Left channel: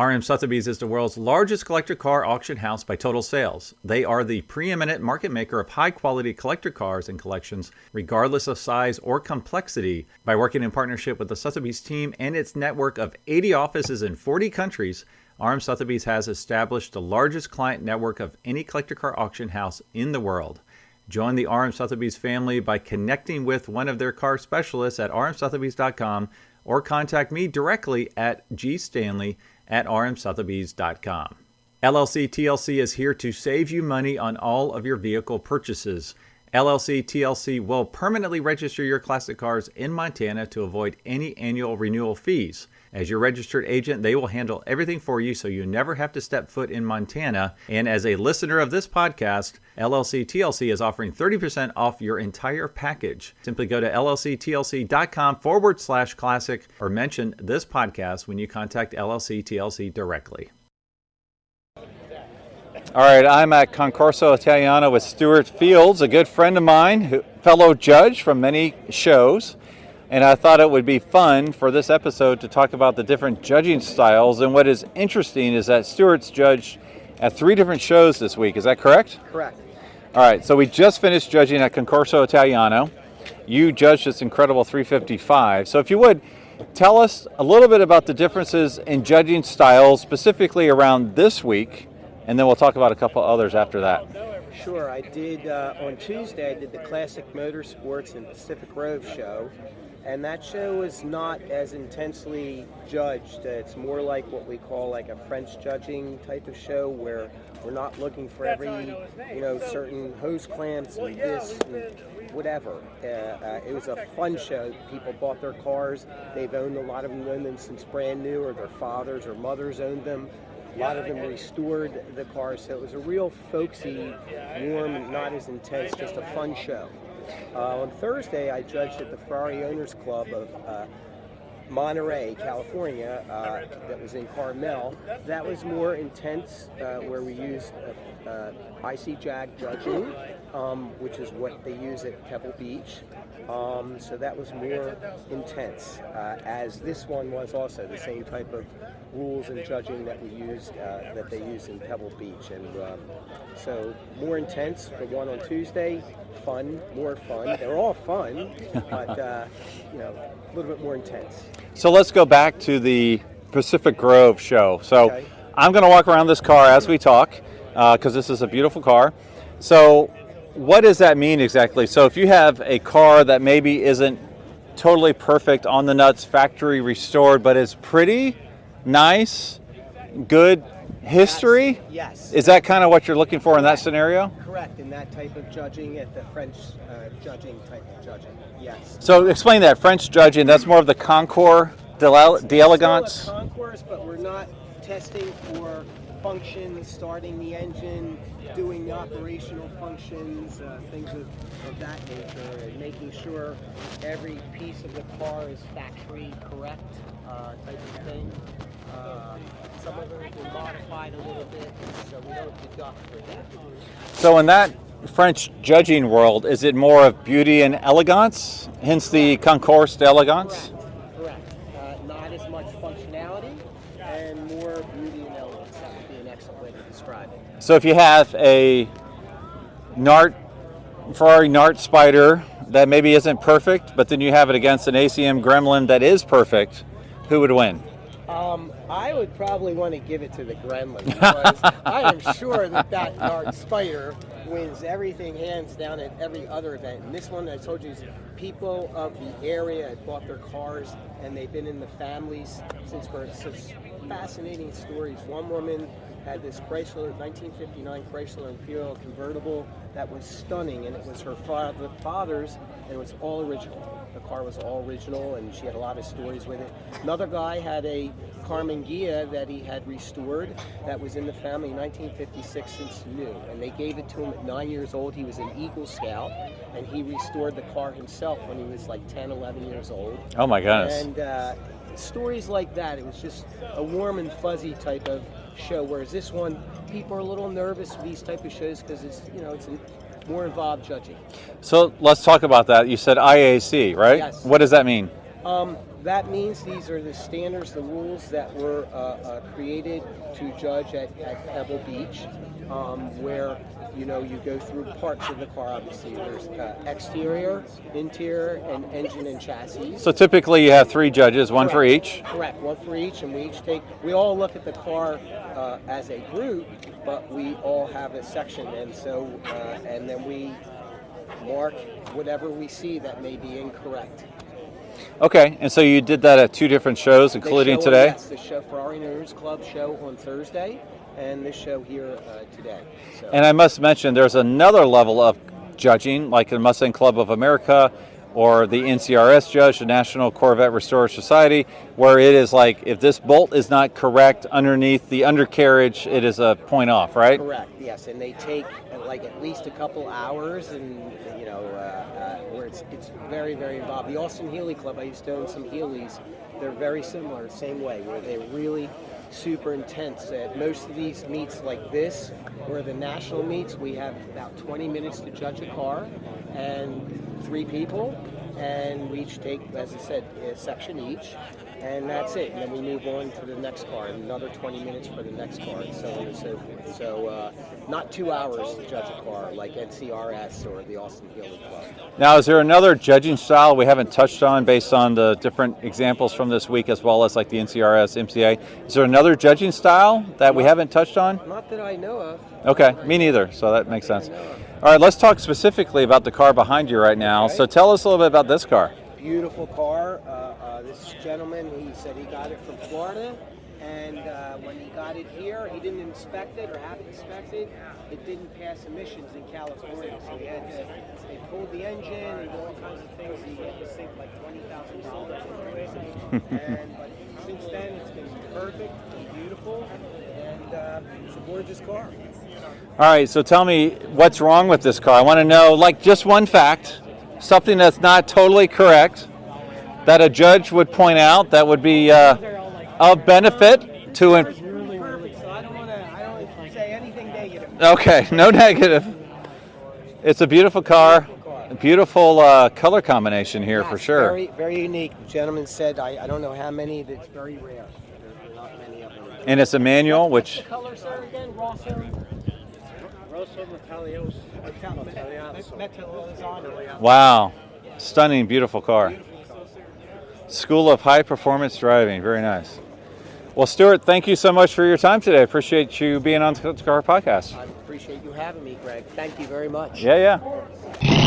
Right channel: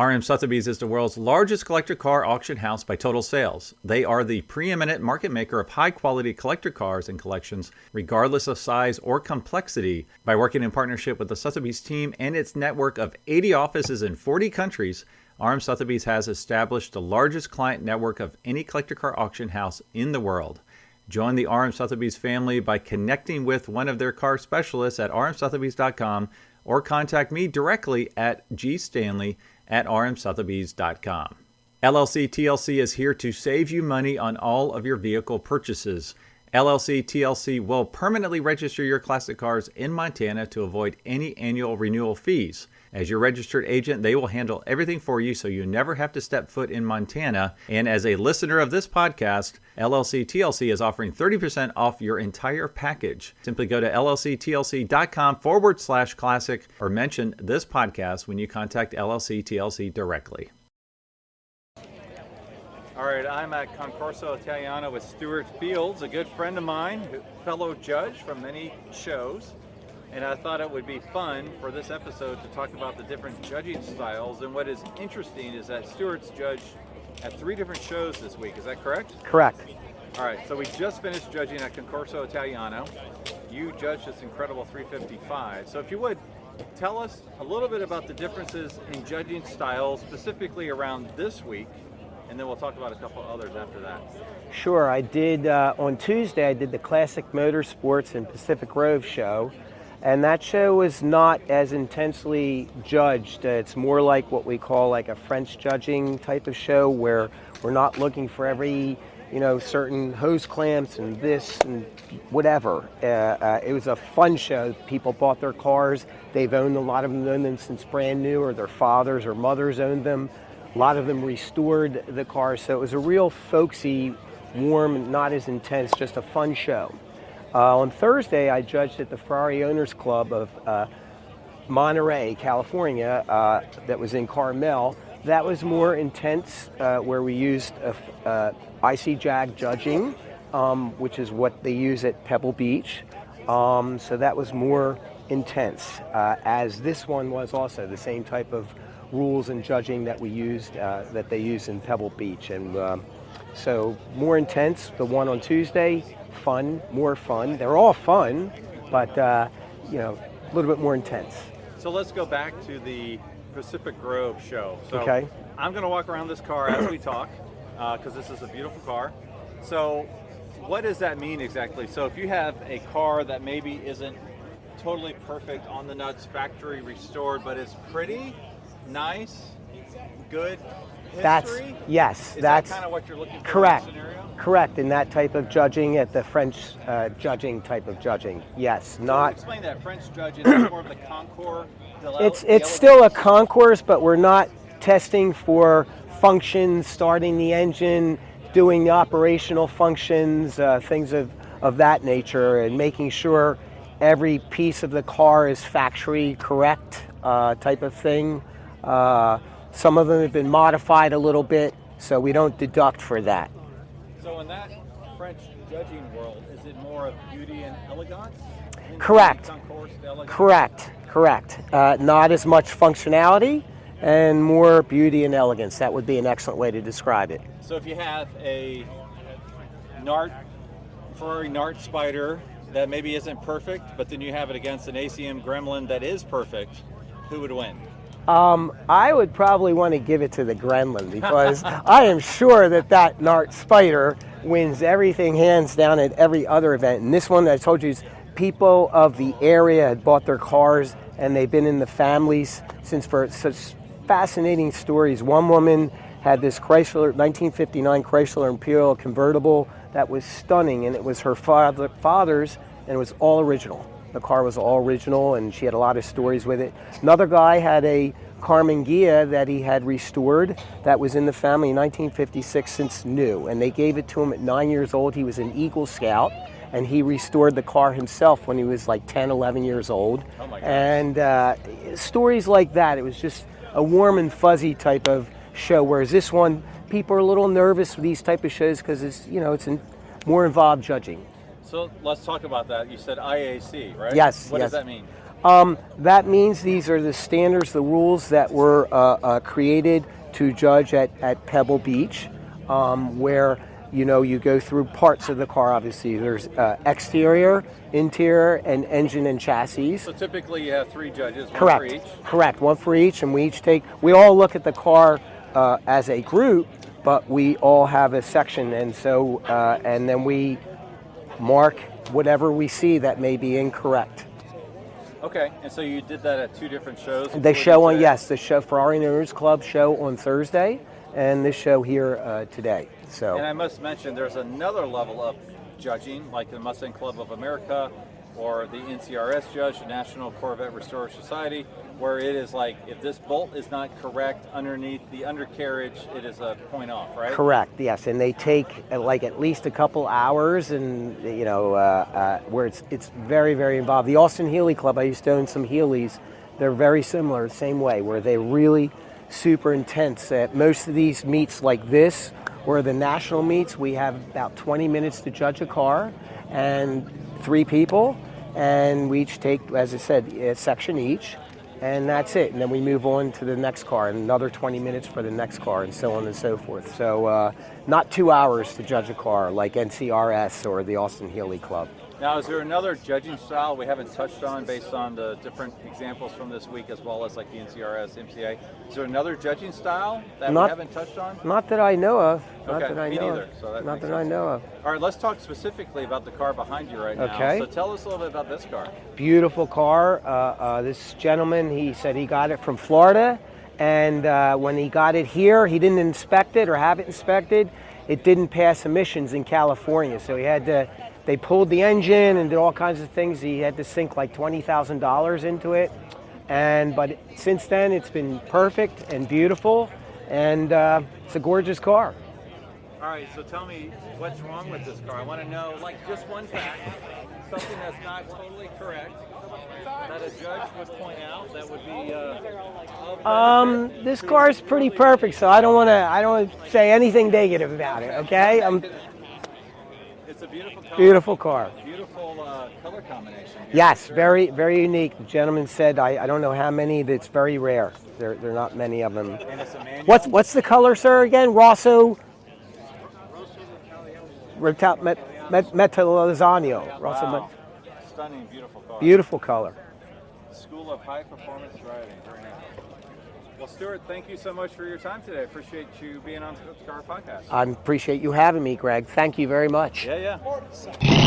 RM Sotheby's is the world's largest collector car auction house by total sales. They are the preeminent market maker of high-quality collector cars and collections, regardless of size or complexity. By working in partnership with the Sotheby's team and its network of 80 offices in 40 countries, RM Sotheby's has established the largest client network of any collector car auction house in the world. Join the RM Sotheby's family by connecting with one of their car specialists at rmsotheby's.com or contact me directly at GStanley at rmsotheby's.com. LLC TLC is here to save you money on all of your vehicle purchases. LLC TLC will permanently register your classic cars in Montana to avoid any annual renewal fees. As your registered agent, they will handle everything for you so you never have to step foot in Montana. And as a listener of this podcast, LLC TLC is offering 30% off your entire package. Simply go to llctlc.com/classic or mention this podcast when you contact LLC TLC directly. All right, I'm at Concourso Italiano with Stuart Fields, a good friend of mine, fellow judge from many shows. And I thought it would be fun for this episode to talk about the different judging styles. And what is interesting is that Stuart's judged at 3 different shows this week. Is that correct? Correct. All right, so we just finished judging at Concourso Italiano. You judged this incredible 355. So if you would, tell us a little bit about the differences in judging styles, specifically around this week, and then we'll talk about a couple others after that. Sure. I did, on Tuesday, I did the Classic Motorsports and Pacific Grove show. And that show is not as intensely judged. It's more like what we call like a French judging type of show where we're not looking for every, certain hose clamps and this and whatever. It was a fun show. People bought their cars. They've owned a lot of them, owned them since brand new, or their fathers or mothers owned them. A lot of them restored the cars. So it was a real folksy, warm, not as intense, just a fun show. On Thursday, I judged at the Ferrari Owners Club of Monterey, California, that was in Carmel. That was more intense, where we used IC Jag judging, which is what they use at Pebble Beach. So that was more intense, as this one was also the same type of rules and judging that we used, that they use in Pebble Beach. And so more intense. The one on Tuesday, fun, more fun. They're all fun, but a little bit more intense. So let's go back to the Pacific Grove show. So okay. I'm going to walk around this car as we talk, because this is a beautiful car. So what does that mean exactly? So if you have a car that maybe isn't totally perfect on the nuts, factory restored, but is pretty nice, good history? Yes. Is that kind of what you're looking for? Correct. In that scenario? Correct, in that type of judging, at the French judging type of judging, yes. So explain that, French judging, that's more of the Concours d'Elegance? It's still a concourse, but we're not testing for functions, starting the engine, doing the operational functions, things of that nature, and making sure every piece of the car is factory correct type of thing. Some of them have been modified a little bit, so we don't deduct for that. So in that French judging world, is it more of beauty and elegance? Hence Correct. The Concours d'Elegance? Correct. Not as much functionality and more beauty and elegance. That would be an excellent way to describe it. So if you have a Ferrari Nart Spider that maybe isn't perfect, but then you have it against an ACM Gremlin that is perfect, who would win? I would probably want to give it to the Gremlin, because I am sure that Nart Spider wins everything hands down at every other event. And this one, I told you, is people of the area had bought their cars and they've been in the families since, for such fascinating stories. One woman had this 1959 Chrysler Imperial convertible that was stunning, and it was her father's, and it was all original. The car was all original, and she had a lot of stories with it. Another guy had a Carmen Ghia that he had restored that was in the family in 1956 since new, and they gave it to him at 9 years old. He was an Eagle Scout, and he restored the car himself when he was like 10, 11 years old. Oh my gosh. And stories like that. It was just a warm and fuzzy type of show, whereas this one, people are a little nervous with these type of shows because it's, it's more involved judging. So let's talk about that. You said IAC, right? Yes. What does that mean? That means these are the standards, the rules that were created to judge at Pebble Beach, where you go through parts of the car. Obviously, there's exterior, interior, and engine and chassis. So typically you have 3 judges, one for each? Correct, one for each, and we all look at the car as a group, but we all have a section, and so and then we mark whatever we see that may be incorrect. Okay, and so you did that at 2 different shows, including today? Yes, the show Ferrari Owners Club show on Thursday, and this show here today. So. And I must mention, there's another level of judging, like the Mustang Club of America or the NCRS judge, the National Corvette Restorer Society, where it is like, if this bolt is not correct underneath the undercarriage, it is a point off, right? Correct, yes, and they take like at least a couple hours, and where it's very, very involved. The Austin Healey Club, I used to own some Healeys, they're very similar, the same way, where they really super intense. At most of these meets like this, or the national meets, we have about 20 minutes to judge a car, and 3 people, and we each take, as I said, a section each, and that's it. And then we move on to the next car, and another 20 minutes for the next car, and so on and so forth. So not 2 hours to judge a car like NCRS or the Austin Healey Club. Now, is there another judging style we haven't touched on based on the different examples from this week, as well as like the NCRS, MCA? Is there another judging style that we haven't touched on? Not that I know of. Okay, me neither, so that makes sense. I know of. All right, let's talk specifically about the car behind you right now. Okay. So tell us a little bit about this car. Beautiful car. This gentleman, he said he got it from Florida, and when he got it here, he didn't inspect it or have it inspected. It didn't pass emissions in California, so they pulled the engine and did all kinds of things. He had to sink like $20,000 into it, but since then it's been perfect and beautiful, and it's a gorgeous car. All right, so tell me what's wrong with this car. I want to know, like, just one fact, something that's not totally correct, that a judge would point out that would be of benefit. This car is pretty perfect, so I don't want to say anything negative. Okay, no negative. It's a beautiful car. Beautiful car. Beautiful color combination here, yes, for sure. Very, very unique. The gentleman said, I don't know how many, but it's very rare. There are not many of them. And it's a manual. What's the color, sir, again? Rosso Metallizano. Wow. Stunning, beautiful car. Beautiful color. School of High Performance Driving. Very nice. Well, Stuart, thank you so much for your time today. I appreciate you being on the Car Podcast. I appreciate you having me, Greg. Thank you very much. Yeah, yeah.